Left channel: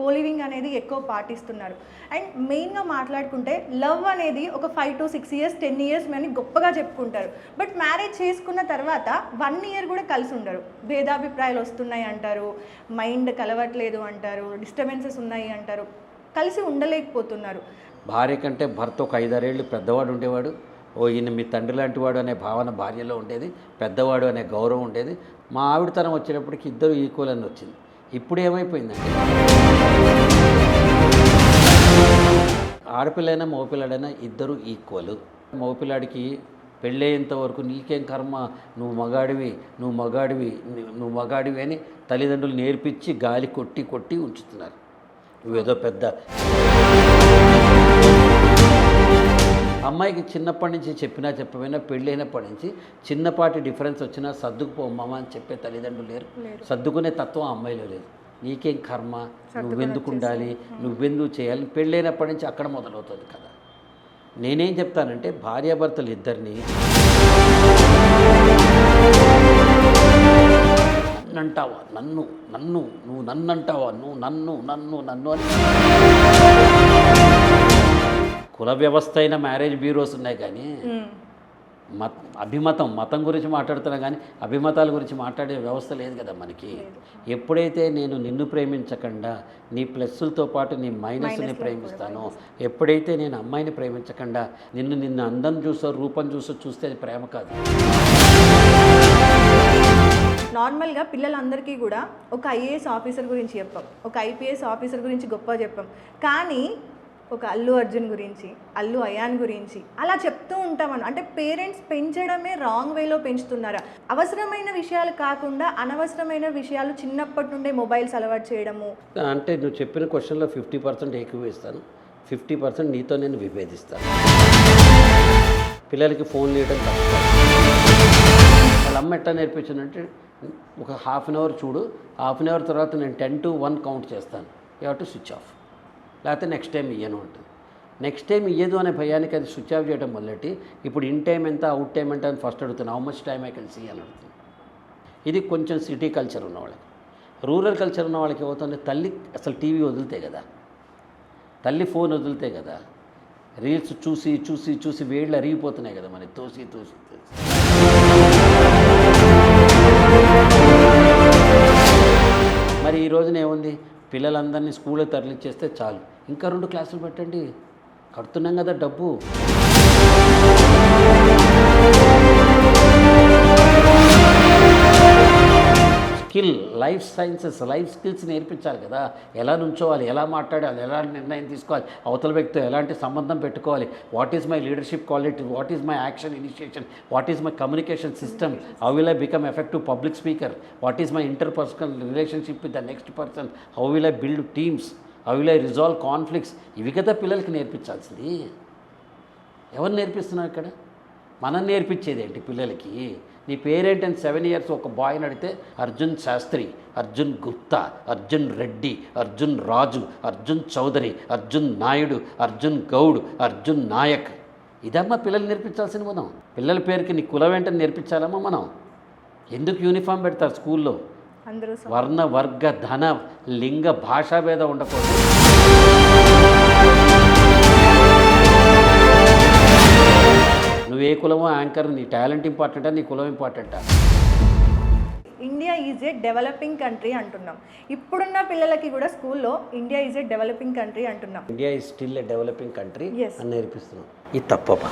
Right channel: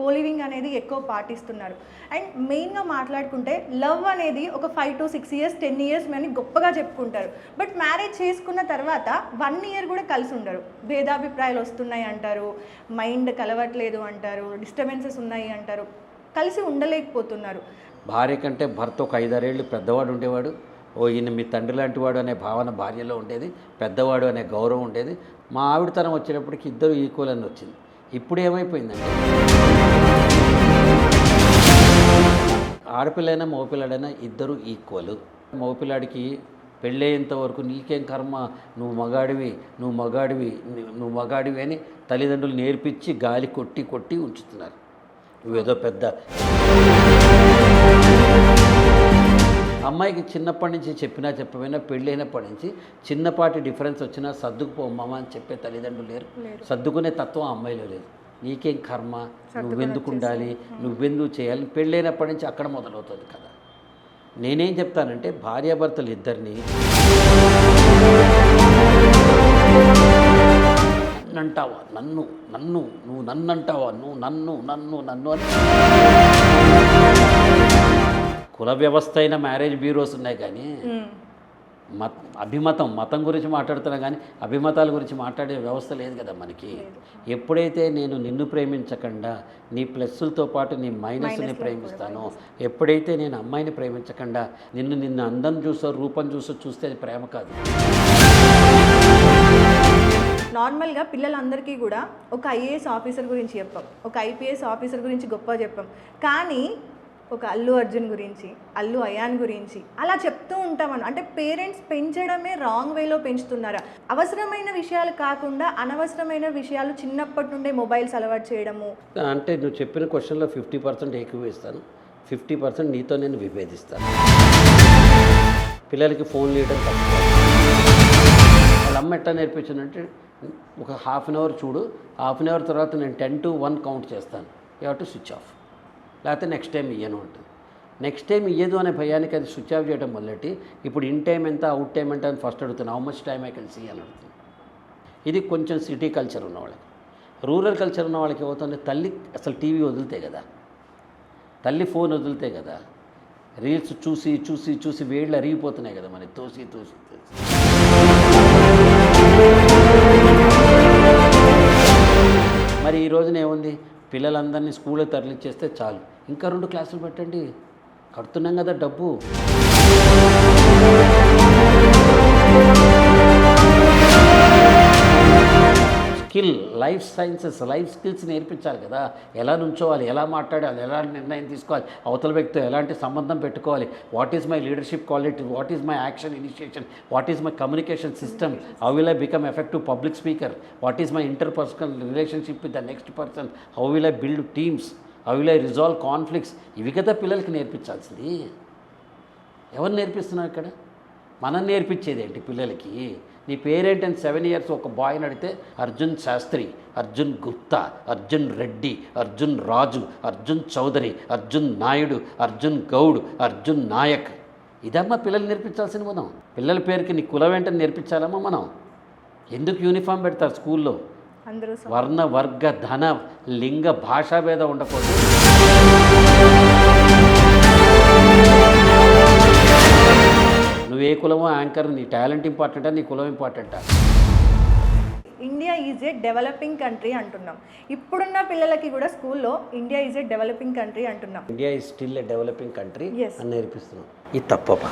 Coliving అనేది ఎక్కువ పాటిస్తున్నారు. అండ్ మెయిన్గా మాట్లాడుకుంటే లవ్ అనేది ఒక 5 to 6 years 10 years అని గొప్పగా చెప్పుకుంటారు. బట్ మ్యారేజ్ చేసుకున్న తర్వాత 1 year కూడా కలిసి ఉండరు. భేదాభిప్రాయాలు వస్తున్నాయి అంటారు, మైండ్ కలవట్లేదు అంటారు, డిస్టర్బెన్సెస్ ఉన్నాయి అంటారు, కలిసి ఉండలేకపోతున్నారు. భార్య కంటే భర్త ఒక 5-6 ఏళ్ళు పెద్దవాడు ఉండేవాడు. ఈయన మీ తండ్రి లాంటి వాడు అనే భావన భార్యలో ఉండేది, పెద్దవాడు అనే గౌరవం ఉండేది. మా ఆవిడ తరం వచ్చేటప్పటికి ఇద్దరు ఈక్వల్ అని వచ్చింది. ఇప్పుడు ఏమైపోయిందంటే ఆడపిల్లైనా మగపిల్లాడైనా ఇద్దరు ఈక్వల్. మగపిల్లాడికి పెళ్ళయ్యేంత వరకు నీకేం కర్మ, నువ్వు మగాడివి అని తల్లిదండ్రులు నేర్పించి గాలి కొట్టి కొట్టి ఉంచుతున్నారు. నువ్వేదో పెద్ద అమ్మాయికి చిన్నప్పటి నుంచి చెప్పకపోయినా పెళ్ళైనప్పటి నుంచి చిన్నపాటి డిఫరెన్స్ వచ్చినా సర్దుకుపోమ్మా అని చెప్పే తల్లిదండ్రులు లేరు. సర్దుకునే తత్వం అమ్మాయిలో లేదు. నీకేం కర్మ, నువ్వెందుకు ఉండాలి, నువ్వెందుకు చేయాలి, పెళ్ళైనప్పటి నుంచి అక్కడ మొదలవుతుంది కదా. నేనేం చెప్తానంటే భార్యాభర్తలు ఇద్దరిని నన్నంటావా, నువ్వు నన్నంటావా, నువ్వు నన్ను అని కుల వ్యవస్థ అయిన మ్యారేజ్ బ్యూరోస్ ఉన్నాయి కానీ మతం గురించి మాట్లాడుతున్నా కానీ అభిమతాల గురించి మాట్లాడే వ్యవస్థ లేదు కదా మనకి. ఎప్పుడైతే నేను నిన్ను ప్రేమించకుండా నీ ప్లస్సులతో పాటు నీ మైనస్ని ప్రేమిస్తానో, ఎప్పుడైతే నేను అమ్మాయిని ప్రేమించకుండా నిన్ను అందం చూసో రూపం చూస్తే అది ప్రేమ కాదు. నార్మల్గా పిల్లలందరికీ కూడా ఒక ఐఏఎస్ ఆఫీసర్ గురించి చెప్పాం, ఒక ఐపీఎస్ ఆఫీసర్ గురించి గొప్ప చెప్పాం, కానీ ఒక అల్లు అర్జున్ గురించి, అల్లు అయాన్ గురించి అలా చెప్తూ ఉంటామని. అంటే పేరెంట్స్ పెంచడమే రాంగ్ వేలో పెంచుతున్నారా? అవసరమైన విషయాలు కాకుండా అనవసరమైన విషయాలు చిన్నప్పటి నుండే మొబైల్స్ అలవాటు చేయడము. అంటే నువ్వు చెప్పిన క్వశ్చన్లో 50% ఏకీభవిస్తాను, 50% నీతో నేను విభేదిస్తాను. పిల్లలకి ఫోన్లు ఇవ్వడం తప్పు. వాళ్ళ అమ్మ ఎట్లా నేర్పించానంటే ఒక హాఫ్ అన్ అవర్ చూడు, హాఫ్ అన్ అవర్ తర్వాత నేను 10 to 1 కౌంట్ చేస్తాను, you have to switch off, లేకపోతే నెక్స్ట్ టైం ఇయ్యను ఉంటుంది. నెక్స్ట్ టైం ఇయ్యదు అనే భయానికి అది స్విచ్ ఆఫ్ చేయడం మొదలెట్టి ఇప్పుడు ఇన్ టైం ఎంత అవుట్ టైం ఎంత అని ఫస్ట్ అడుగుతాను, how much time I can see అని అడుగుతుంది. ఇది కొంచెం సిటీ కల్చర్ ఉన్న వాళ్ళకి. రూరల్ కల్చర్ ఉన్న వాళ్ళకి ఏమవుతుంది, తల్లి అసలు టీవీ వదిలితే కదా, తల్లి ఫోన్ వదిలితే కదా, రీల్స్ చూసి చూసి చూసి వేళ్ళు అరిగిపోతున్నాయి కదా మనకి, తోసి తోసి తోసి. మరి ఈ రోజున ఏముంది, పిల్లలందరినీ స్కూల్లో తరలించేస్తే చాలు, ఇంకా 2 క్లాసులు పెట్టండి, కడుతున్నాం కదా డబ్బు. Skill, life sciences, life skills నేర్పించాలి కదా. ఎలా నుంచోవాలి, ఎలా మాట్లాడాలి, ఎలాంటి నిర్ణయం తీసుకోవాలి, అవతల వ్యక్తితో ఎలాంటి సంబంధం పెట్టుకోవాలి, what is my leadership quality, what is my action initiation, what is my communication system, how will I become effective public speaker, what is my interpersonal relationship with the next person, how will I build teams, how will I resolve conflicts. ఇవి కదా పిల్లలకి నేర్పించాల్సింది. ఎవరు నేర్పిస్తున్నాం ఇక్కడ? మనం నేర్పించేది ఏంటి పిల్లలకి? నీ పేరేంటని 7 years ఒక బాయ్ని అడిగితే అర్జున్ శాస్త్రి, అర్జున్ గుప్తా, అర్జున్ రెడ్డి, అర్జున్ రాజు, అర్జున్ చౌదరి, అర్జున్ నాయుడు, అర్జున్ గౌడ్, అర్జున్ నాయక్. ఇదమ్మా పిల్లలు నేర్పించాల్సింది. మనం పిల్లల పేరుకి నీ కులం ఏంటని నేర్పించాలమ్మా మనం. ఎందుకు యూనిఫామ్ పెడతారు స్కూల్లో? వర్ణ వర్గ ధన లింగ భాషాభేదం ఉండకూడదు. నువ్వు ఏ కులమో యాంకర్, నీ టాలెంట్ ఇంపార్టెంటా, నీ కులం ఇంపార్టెంటా? India is a developing country అంటున్నాం. ఇప్పుడున్న పిల్లలకి కూడా స్కూల్లో India is a developing country అంటున్నాం. India is still a developing country అని నేర్పిస్తున్నాం. ఇది తప్పపా.